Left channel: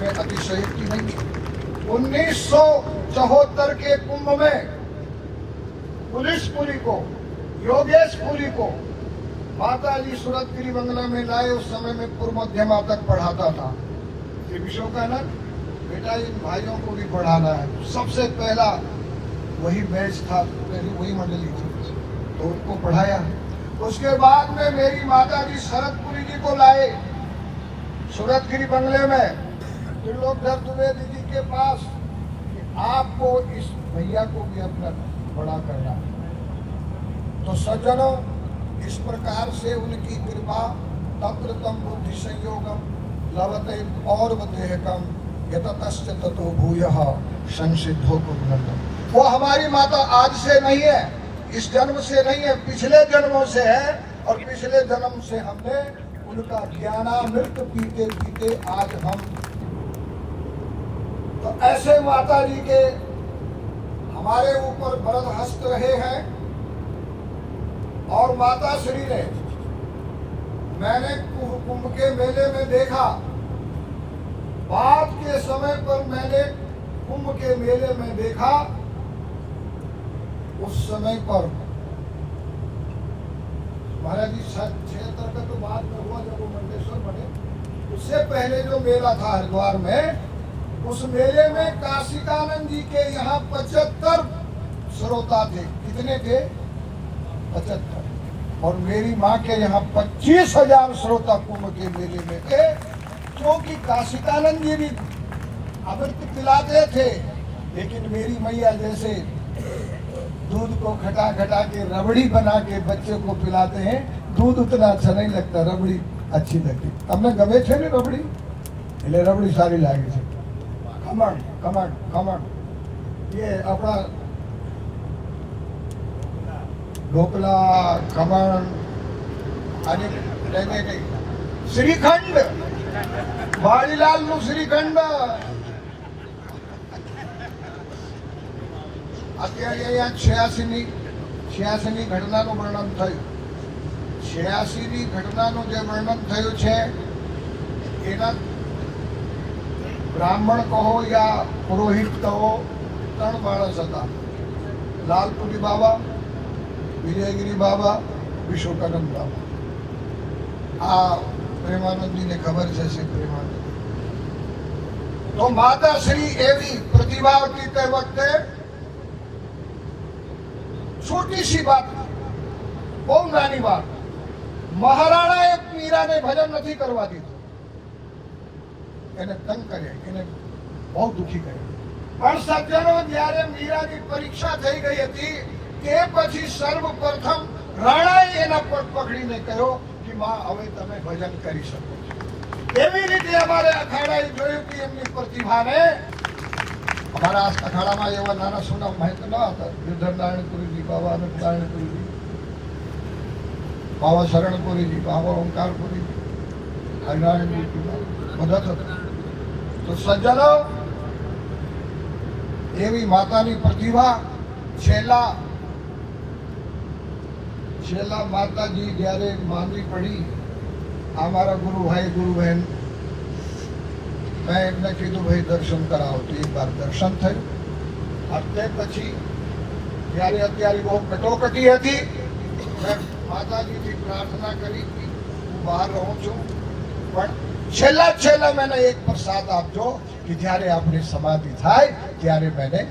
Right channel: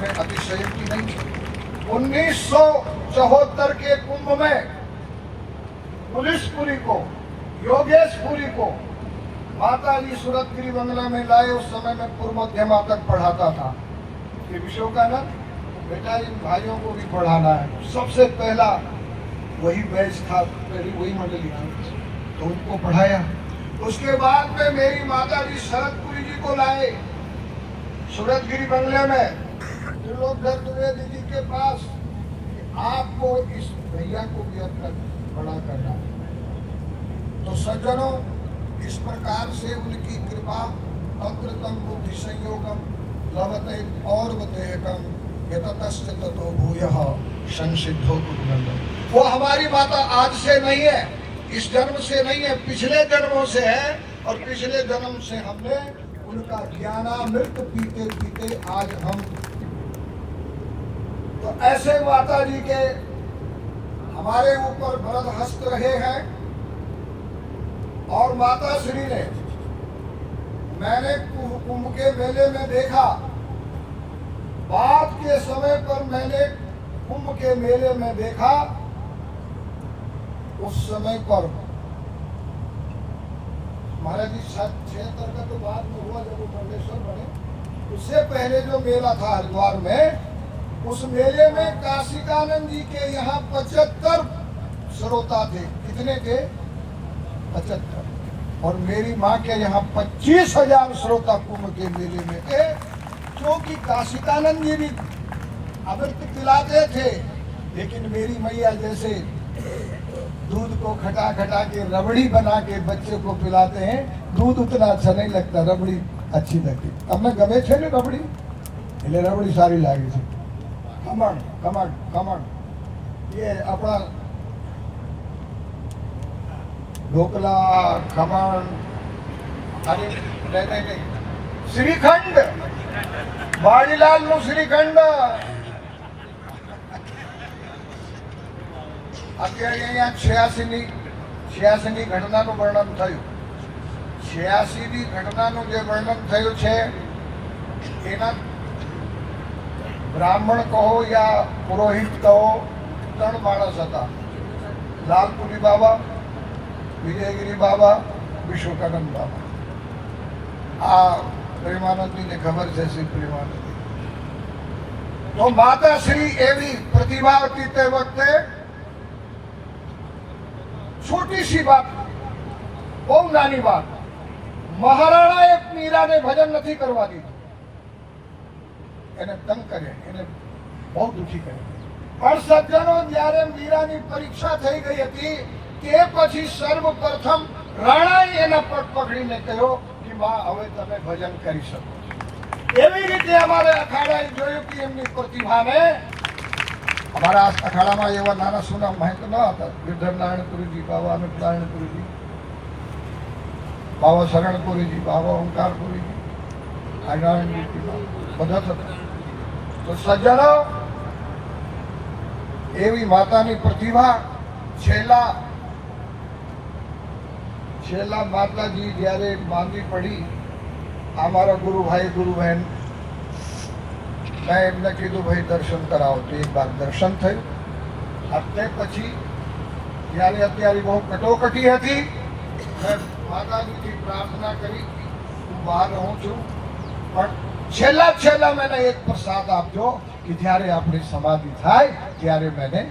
इसमें अतिशयोक्ति नहीं है। 1974 के कुंभ में पुलिस पुरी को, योगेश पुरी को माता जी सूरतगिरी बंगला में लाए। उस समय में पूर्व मध्यमा तक पढ़ाता था। ये विश्वकानंद बेटा इन भाइयों को भी पढ़ाना है। सबसे पहला वही बैच था, पहली वही मंडली थी, तो उनको पढ़ाया। उसके बाद में मेरी माता जी शरदपुरी जी को लाए सूरतगिरी बंगले में, त्रिलोकधर द्विवेदी जी के पास, कि आपको इस भैया को भी अपना बड़ा करना है। तो सज्जनों, इस प्रकार से उनकी कृपा, तत्र तम बुद्धि संयोगम लभते और देहकम यततश्च ततो भूयः संसिद्धो कुर्वन्ति। वो हमारी माता आज से नहीं है, इस जन्म से नहीं है, पिछले जन्मों से है। और पिछले जन्म से हमने उनका ज्ञानामृत पीते पीते आज हम, तो ऐसे माता जी के हमारे ऊपर वरद हस्त रहे हैं। और माता श्री ने, मैंने कुंभ के मेले में देखा, बाद के समय पर मैंने कुंभ के मेले में देखा, उस समय पर महाराज जी 76 का तो बाद में हुआ जब वो मंडलेश्वर बने, उससे पहले जो मेला था हरिद्वार में, उस मेले में काशिकानंद जी के यहाँ 75 श्रोता थे। कितने थे? 75। और मेरी माँ के यहाँ 25,000 श्रोता कुंभ के मेले में थे, क्योंकि काशिकानंद जी भी अमृत पिलाते थे। लेकिन मेरी मैया जैसे दूध को खटा खटा के रबड़ी बना के बच्चे को पिलाते हैं, दूध उतना अच्छा नहीं लगता, रबड़ी अच्छी लगती। તમને ગમે છે ને રબડી? એટલે રબડી સારી લાગે છે। ખમણ ખમણ ખમણ, ये अपना ढोकला, खमण, नहीं, श्रीखंड, वाड़ीलाल નું શ્રીખંડ। અત્યારે અહીંયા 86ની ઘટનાનું વર્ણન થયું। 86ની ઘટનાનું જે વર્ણન થયું છે, એના બ્રાહ્મણ કહો યા પુરોહિત કહો, 3 માણસ હતા। લાલપુરી બાબા, વિજયગીરી બાબા, વિશ્વકાનંદ બાબા। આ પ્રેમાનંદજીને ખબર છે, શ્રી પ્રેમાનંદ। તો માતા શ્રી એવી પ્રતિભાવતી તે વખતે छोटी सी बात, बहुत नानी बात, महाराणाए मीराने भजन नहीं करवा दीधું, એને તંગ કરે, એને બહુ દુખી કરે। પણ સજ્જનો, જ્યારે મીરાની પરીક્ષા થઈ ગઈ હતી, તે પછી સર્વપ્રથમ રાણાએ એના પગ પકડીને કહ્યો કે માં, હવે તમે ભજન કરી શકો છો। એવી રીતે અમારે અખાડાએ જોયું કે એમની પ્રતિભાને, हमारा अखाड़ा में एवं नाना सुना महत्व न आता। गिरधरनारायणपुरी जी, बाबा अनंतनारायणपुरी जी, बाबा शरणपुरी जी, बाबा ओंकारपुरी जी, हरिनारायण जी, બધા હતા। તો સજ્જનો, એવી માતાની પ્રતિભા, છેલ્લા માતાજી જ્યારે માંગી પડી, આ મારા ગુરુ ભાઈ ગુરુ બહેન, मैं एमने कीधु भाई दर्शन कराओ। तो एक बार दर्शन थे। ते पछी त्यारे अत्यारे बहु कटोकटी हती। मैं माताजी थी प्रार्थना करी, हूँ बहार रहूँ छूं, पण छेल्ला मैंने एक प्रसाद आपजो कि त्यारे आपनी समाधि थाय त्यारे मैंने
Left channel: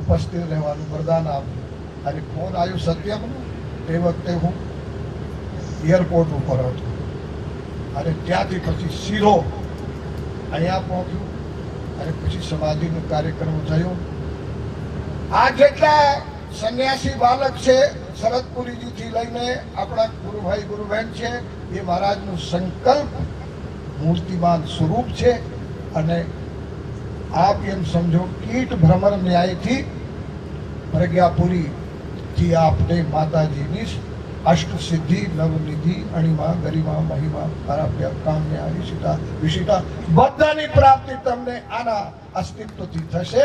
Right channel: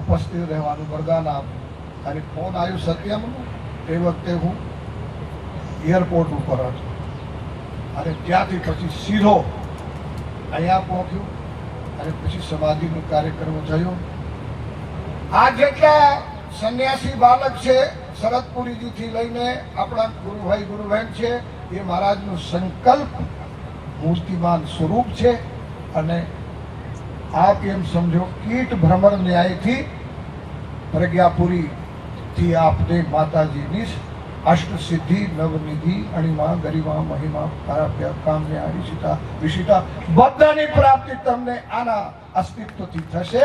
उपस्थित रहेवानुं वरदान आप्युं। अरे फोन आव्यो सत्यमनो, ते वखते हूँ एयरपोर्ट उपर हतो, अरे त्याथी पछी सीधो અહીંયા પહોંચ્યું અને પછી સમાધિનો કાર્યક્રમ થયો। આ જેટલા સન્યાસી બાલક છે, શરદપુરીજીથી લઈને આપણા ગુરુભાઈ ગુરુબહેન છે, એ મહારાજનું સંકલ્પ મૂર્તિમાન સ્વરૂપ છે। અને આપ એમ સમજો, કીટ ભ્રમર ન્યાયથી પ્રજ્ઞાપુરીથી આપને માતાજીની अष्ट सिद्धि नवनिधि अणिमा गरिमा महिमा आराध्या काम्या ऋषिता विषिता बधानी प्राप्ति तमने आना अस्तित्वથી થશે।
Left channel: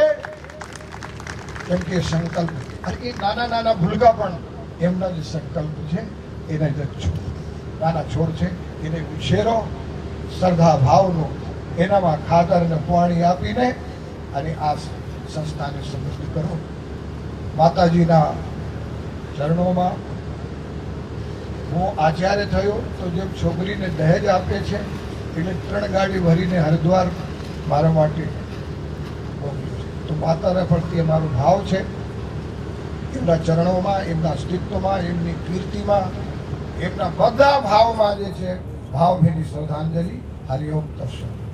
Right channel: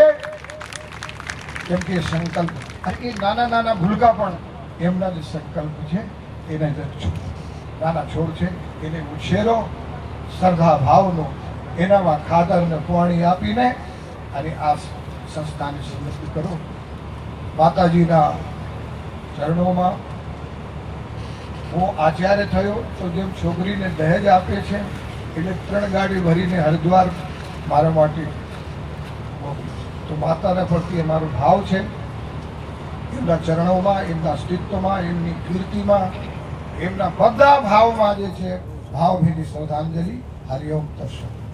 કેમ કે સંકલ્પ, એ નાના નાના ભૂલકા પણ એમના જે સંકલ્પ છે એને જ નાના છોડ છે, એને ઉછેરો, શ્રદ્ધા ભાવનો એનામાં ખાતર અને પાણી આપીને અને આ સંસ્થાને સમર્પિત કરો. માતાજીના ચરણોમાં હું આચાર્ય થયો તો જેમ છોકરીને દહેજ આપે છે એટલે 3 ગાડી ભરીને હરિદ્વાર મારા માટે મોકલી છે. તો માતાના પ્રત્યે મારો ભાવ છે. એમના ચરણોમાં, એમના અસ્તિત્વમાં, એમની કીર્તિમાં, એમના બધા ભાવમાં જે છે ભાવભેરી શ્રદ્ધાંજલિ. હરિઓમ તત્સત.